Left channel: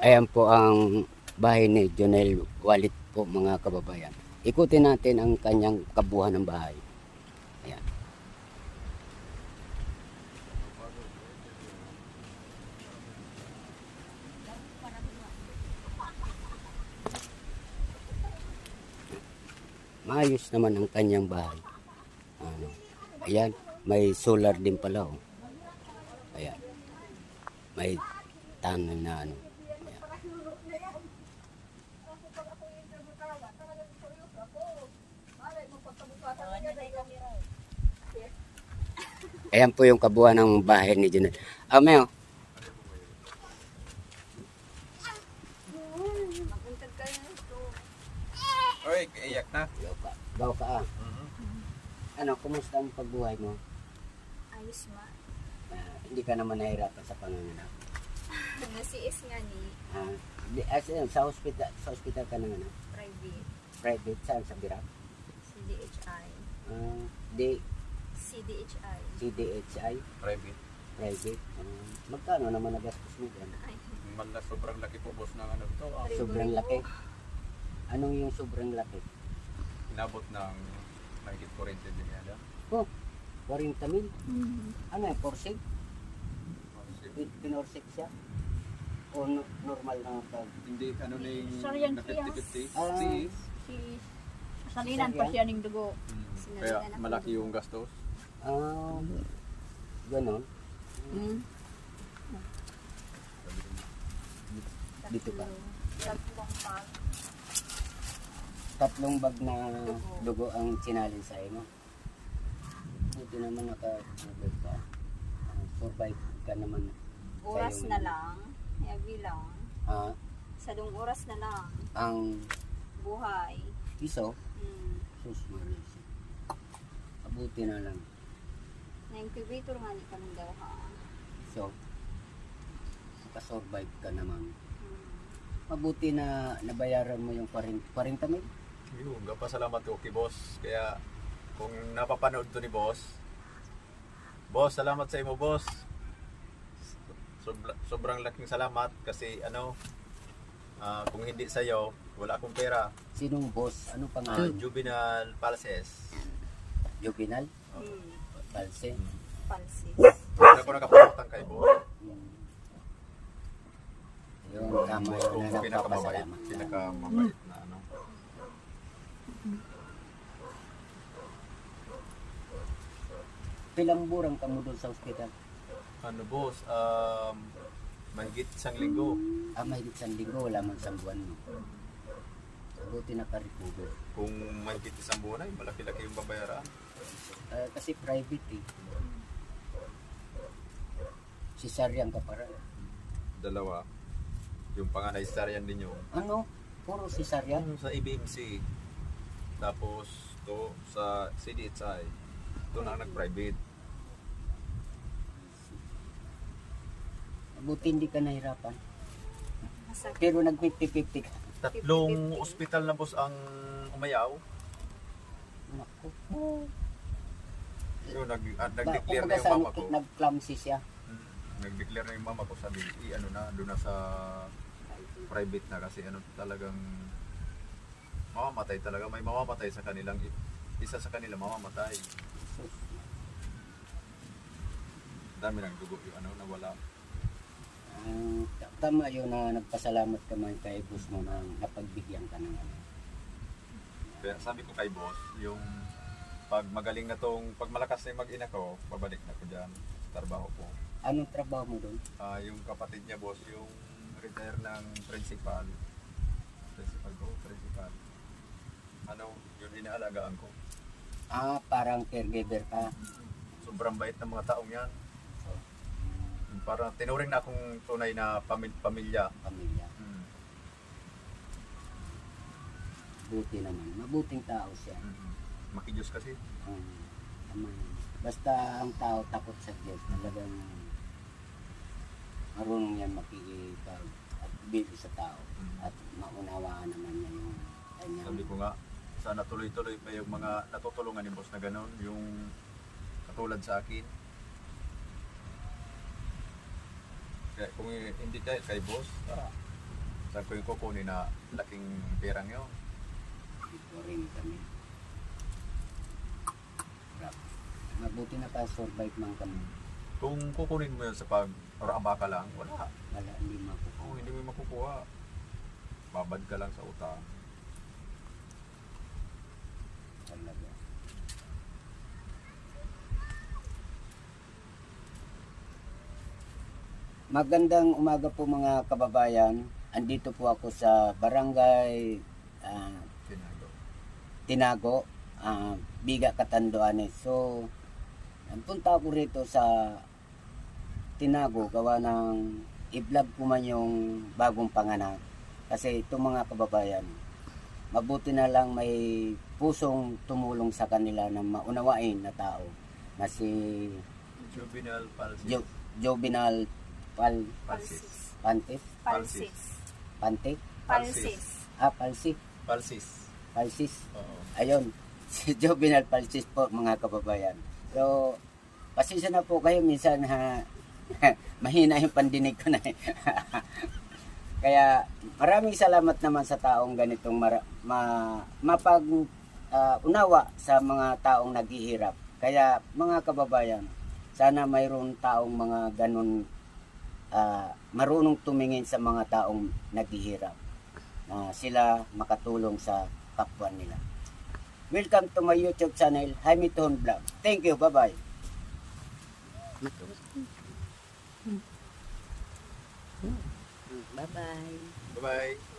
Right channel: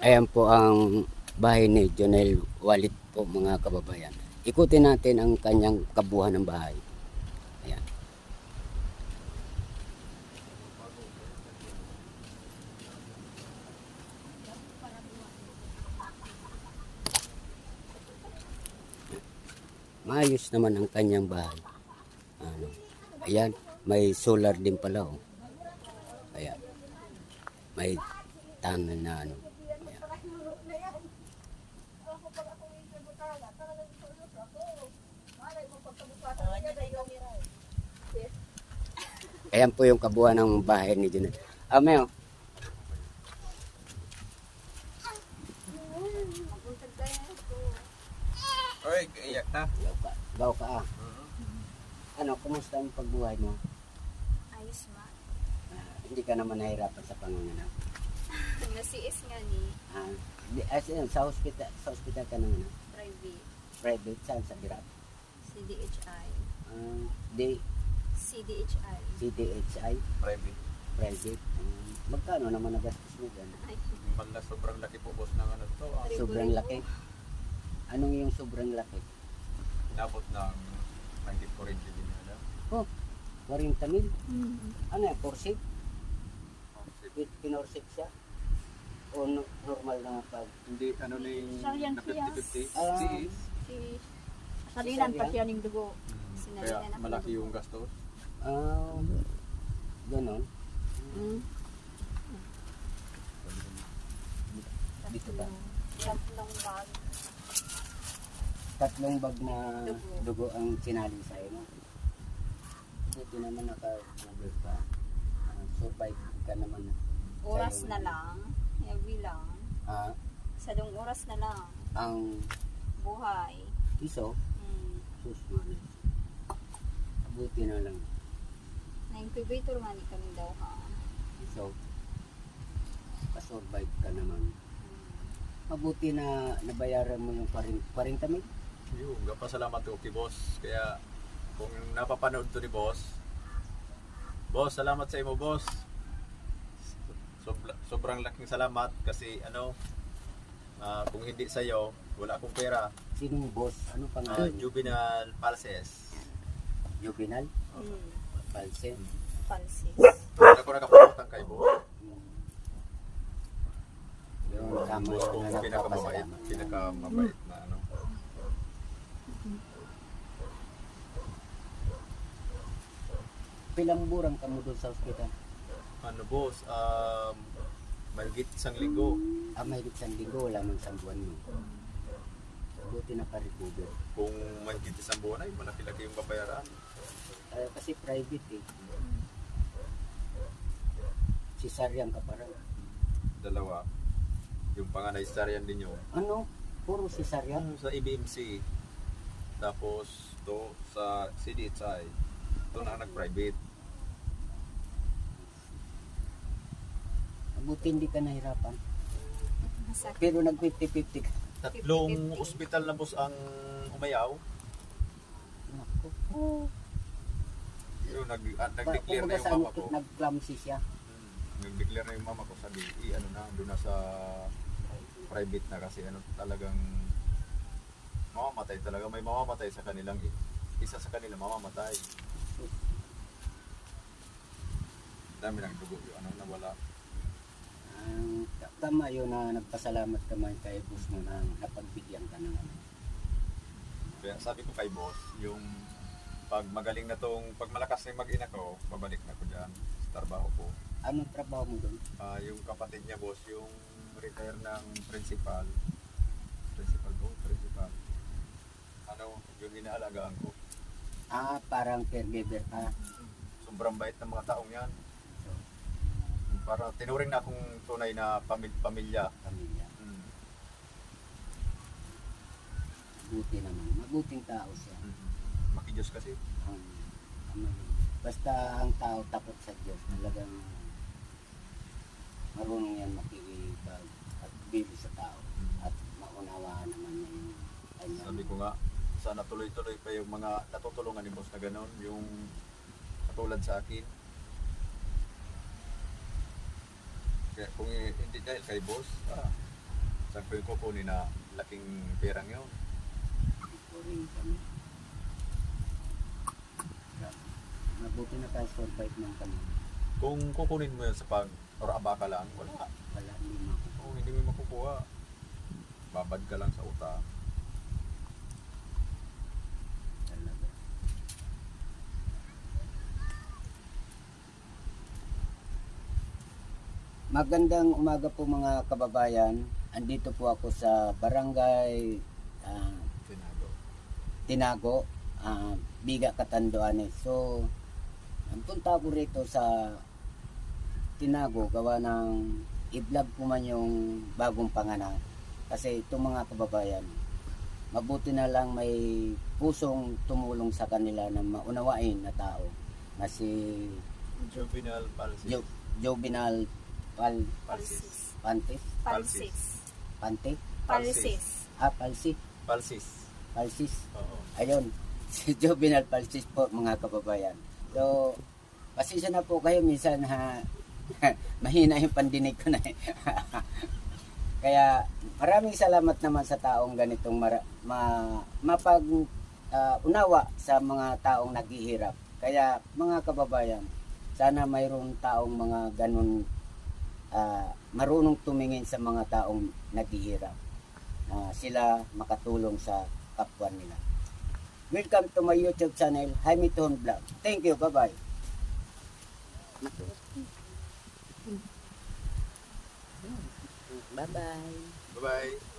Ayan po ang bahay ni Jonel Walit po mga kababayan. Ikutin natin ang kanyang kabuuan ng bahay. Ayan. Maayos naman ang kanyang bahay. Ano, ayan, may solar din pala oh. Ayan. May tunnel na ano. Ayan. Ayan po yung kabuuan ng bahay ni Jonel. Meo. Oy, kaiyak na. Gaw ka ah. Ano, kumusta ang pagbuhay mo? Ayos ma. Hindi ka naman nahirapan sa panganganak. Nasiis nga ni Sa hospital ka nanganak. private Private, saan? Sa Birak? CDHI. Di, CDHI. CDHI, Private. private. Magkano naman nagastos mo dyan? Ay, Mala sobrang laki po boss ng ano to. Sobrang laki. Anong yung sobrang laki? Inabot ng mahigit 40 din yata. Oh, 40 mil. Ano yan, forsig? Pinorsig siya? O normal na pag... Hindi, ano ni Saryan na siya. 50-50. Ah. Sis. Si salinan pa siya ng dugo. Kaya malaki yung gastos. Ganon. Dito ba? tatlong bag. Tatlong bag na dugo ang sinalin sa mo. Buti naman naka-cover ka. Survive ka naman. Oras sa'yo. na lang. Heavy lang. Sa dong oras na lang. Ang Buhay. iso, susmanis. Abuti na lang. Na-incubator nga ni kami daw ha. So, nakasurvive ka naman. Mabuti na nabayaran mo yung 40 mil. Yung gapasalamat ko kay boss. Kaya kung napapanood to ni boss, boss, salamat sa imo boss. Sobrang laking salamat kasi ano, kung hindi sa iyo, wala akong pera. Sinong boss? Ano pangalan? Juvenal Palses. Juvenal? Palse? Pansit. Hindi ako nakapagutang kay boss. Yung Boss kong na pinakamabait, nagpapasalamat. pinakamabait na ano. Pilang burang ka mo doon sa ospital? Ano boss, mahigit 1 linggo. May isang linggo, wala mang isang buwan mo. Buti naka-recover. Kung mahigit 1 buwan ay malaki-laki yung babayaran. Kasi private eh. Cesarean ka para. 2. Yung panganay cesarean din yun. Ano? Puro cesarean? Sa EBMC. Tapos to sa CDHI. Ito na ang nag-private. Buti hindi ka nahirapan. Masakit. Pero nag-50-50 ka. 3 ospital na boss ang umayaw. Naku. Yung nag-declare na yung Kumbaga mama ko. nag-clumsy siya. Nag-declare na yung mama ko, sabi, ano na, doon na sa private na kasi ano talagang mamamatay talaga. May mamamatay sa kanilang, isa sa kanila mamamatay. Dami ng dugo, yung ano, nawala. Tama yun na nagpasalamat ka man kay boss mo na napagbigyan ka ng ano. Kaya sabi ko kay boss, yung pag magaling na tong, pag malakas na yung mag-ina ko, babalik na ko dyan sa trabaho ko. Anong trabaho mo doon? Yung kapatid niya boss, yung retire ng principal. Principal. Ano, yun inaalagaan ko. Parang caregiver ka. Sobrang bait ng mga taong yan. Para tinuring na akong tunay na pamilya. Pamilya. Buti naman. Mabuting tao siya. Makijos kasi. Basta ang tao takot sa Diyos. Talagang marunong yan makikipag at bili sa tao. At maunawaan naman niya yung kanya. Sabi ko nga, sana tuloy-tuloy pa yung mga natutulungan ni boss na gano'n. Yung katulad sa akin. Kaya kung hindi dahil kay boss, Saan ko yung kukunin na laking perang yun? Ring kami. Mabuti naka-survive man kami. Kung kukunin mo yun sa pag-oraba ka lang, wala. Wala, hindi makukuha. Oo, hindi mo makukuha. Babad ka lang sa utang. Talaga. Magandang umaga po mga kababayan. Andito po ako sa barangay Sinago. Tinago, Biga, Catanduanes. So, punta ako rito sa Tinago gawa ng i-vlog ko man yung bagong panganak. Kasi itong mga kababayan, mabuti na lang may pusong tumulong sa kanila na maunawain na tao na si Juvenile palsy. Jovinal Palsis. Pantes? Palsis. Pante? Palsis. Palsi? Palsis. Palsis? Oo. Ayun, si Jovinal Palsis po mga kababayan. So, pasensya na po kayo minsan mahina yung pandinig ko na Kaya maraming salamat naman sa taong ganitong unawa sa mga taong naghihirap. Kaya mga kababayan, sana mayroong taong mga ganun marunong tumingin sa mga taong naghihirap. Sila makatulong sa kapwa nila. Welcome to my YouTube channel, Jaime Tuhon Vlog. Thank you, bye-bye. Bye-bye. Bye-bye.